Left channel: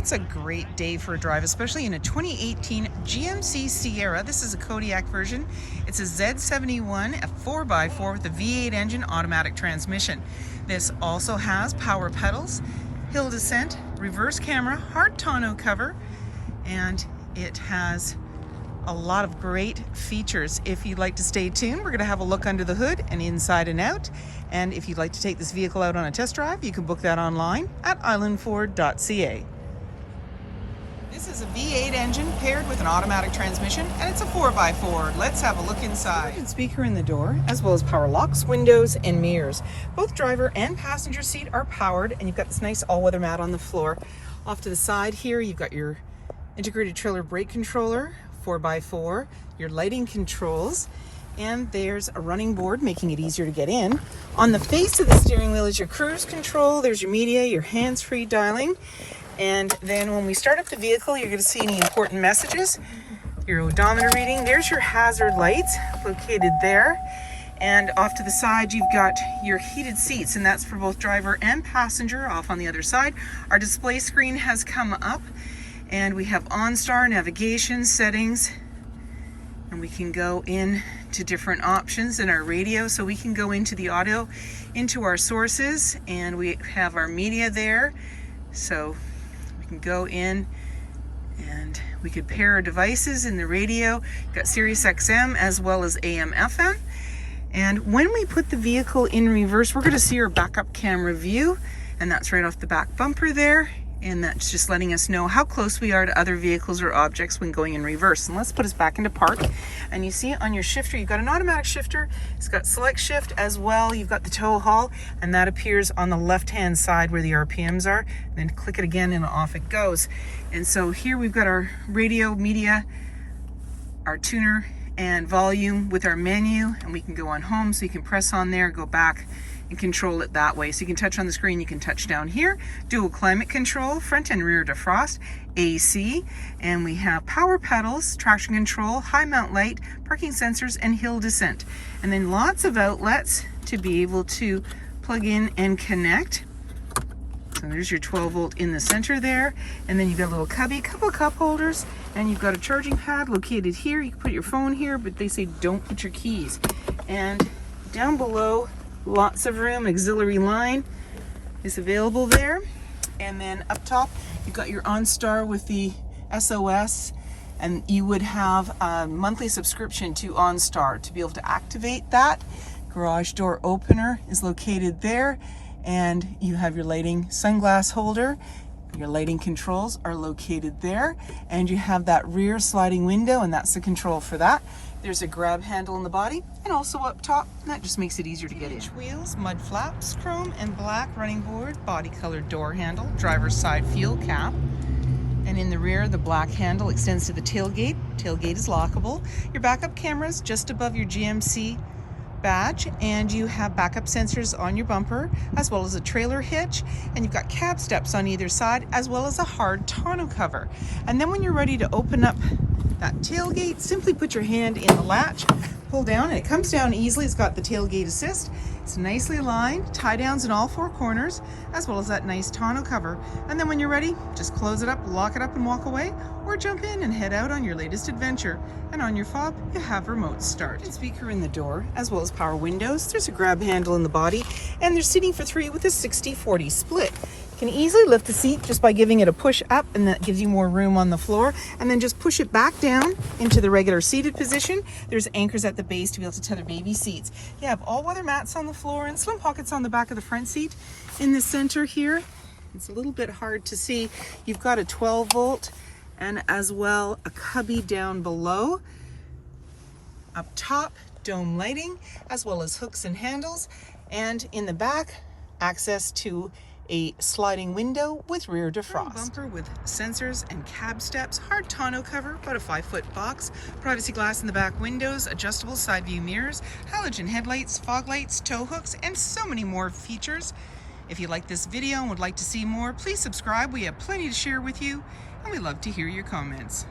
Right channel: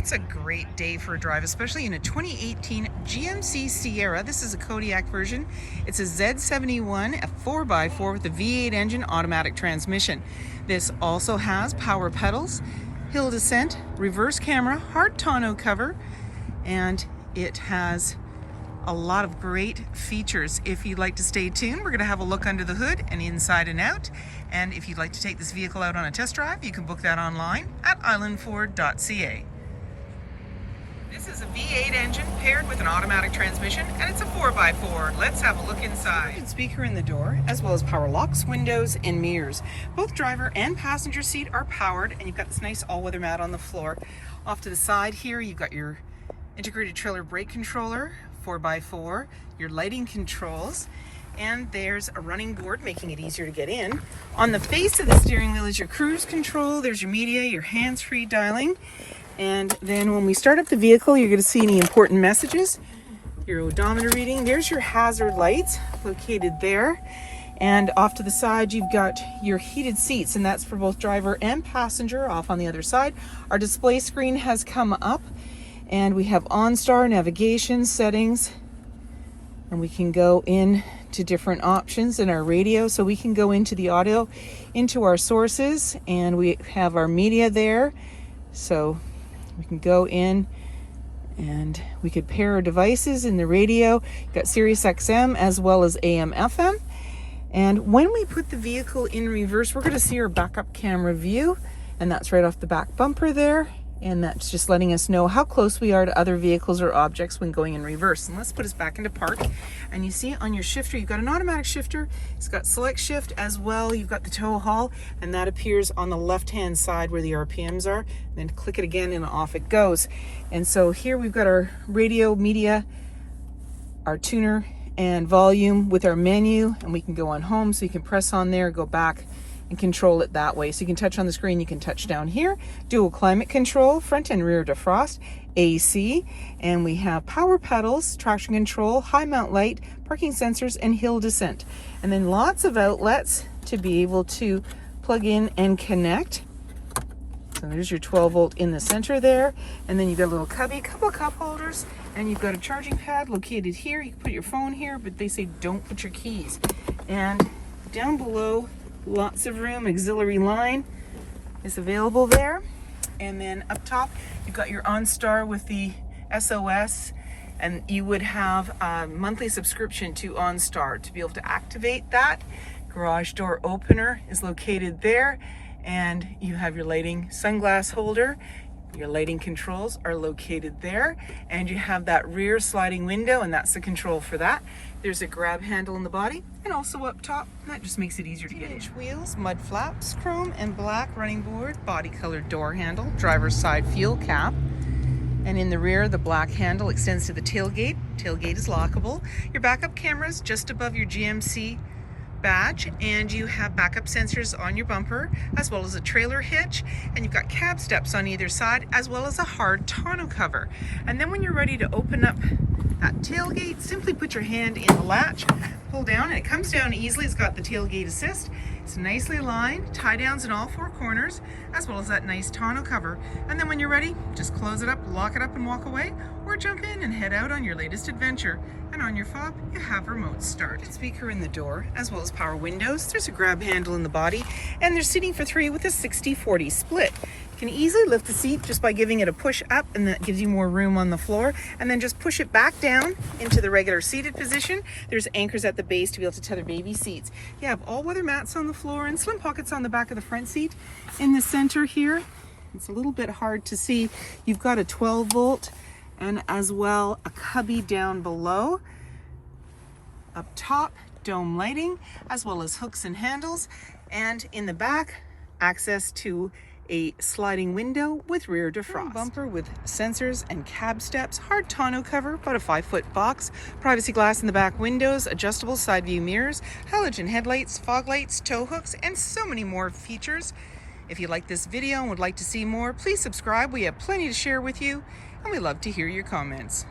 It's a great day for a drive, especially in a 2018 GMC Sierra. This is a Kodiak version. It's a Z71, a 4x4 with a V8 engine, automatic transmission. This also has power pedals, hill descent, reverse camera, hard tonneau cover, and it has a lot of great features. If you'd like to stay tuned, we're going to have a look under the hood and inside and out. And if you'd like to take this vehicle out on a test drive, you can book that online at islandford.ca. This is a V8 engine paired with an automatic transmission, and it's a 4x4. Let's have a look inside. And speaker in the door, as well as power locks, windows, and mirrors. Both driver and passenger seat are powered, and you've got this nice all-weather mat on the floor. Off to the side here, you've got your integrated trailer brake controller, 4x4, your lighting controls, and there's a running board making it easier to get in. On the base of the steering wheel is your cruise control. There's your media, your hands-free dialing. And then when we start up the vehicle, you're going to see any important messages. Your odometer reading. There's your hazard lights located there. And off to the side, you've got your heated seats, and that's for both driver and passenger. Off on the other side, our display screen has come up, and we have OnStar, navigation, settings, and we can go in to different options in our radio. So we can go into the audio, into our sources, and we have our media there. So we can go in and we could pair our devices in the radio. We've got Sirius XM as well as AM FM. And when we put the vehicle in reverse, we're going to see our backup camera view, and that's right off the back bumper there. And that's just letting us know how close we are to other vehicles or objects when going in reverse. And let's put us back into park. And you see on your shifter, you've got an automatic shifter. It's got select shift as well. You've got the tow haul, and that appears on the left-hand side where the RPMs are. And then click it again and off it goes. And so here we've got our radio, media, our tuner, and volume with our menu. And we can go on home, so you can press on there, go back, and control it that way. So you can touch on the screen, you can touch down here, dual climate control, front and rear defrost, AC, and we have power pedals, traction control, high mount light, parking sensors, and hill descent. And then lots of outlets to be able to plug in and connect. So there's your 12 volt in the center there. And then you've got a little cubby, a couple of cup holders, and you've got a charging pad located here. You can put your phone here, but they say don't put your keys. And down below, lots of room, auxiliary line is available there. And then up top, you've got your OnStar with the SOS, and you would have a monthly subscription to OnStar to be able to activate that. Garage door opener is located there, and you have your lighting sunglass holder. Your lighting controls are located there, and you have that rear sliding window, and that's the control for that. There's a grab handle in the body, and also up top, and that just makes it easier to get in. Wheels, mud flaps, chrome and black running board, body colored door handle, driver's side fuel cap, and in the rear, the black handle extends to the tailgate. Tailgate is lockable. Your backup camera's just above your GMC badge, and you have backup sensors on your bumper, as well as a trailer hitch, and you've got cab steps on either side, as well as a hard tonneau cover. And then when you're ready to open up that tailgate, simply put your hand in the latch, pull down, and it comes down easily. It's got the tailgate assist. It's nicely aligned, tie downs in all four corners, as well as that nice tonneau cover. And then when you're ready, just close it up, lock it up, and walk away, or jump in and head out on your latest adventure. And on your fob, you have remote start. And speaker in the door, as well as power windows. There's a grab handle in the body, and there's seating for 3 with a 60-40 split. You can easily lift the seat just by giving it a push up, and that gives you more room on the floor. And then just push it back down into the regular seated position. There's anchors at the base to be able to tether baby seats. You have all-weather mats on the floor and slim pockets on the back of the front seat. In the center here, it's a little bit hard to see. You've got a 12 volt and as well a cubby down below. Up top, dome lighting, as well as hooks and handles. And in the back, access to a sliding window with rear defrost. Bumper with sensors and cab steps, hard tonneau cover, about a 5-foot box, privacy glass in the back windows, adjustable side view mirrors, halogen headlights, fog lights, tow hooks, and so many more features. If you like this video and would like to see more, please subscribe. We have plenty to share with you, and we love to hear your comments.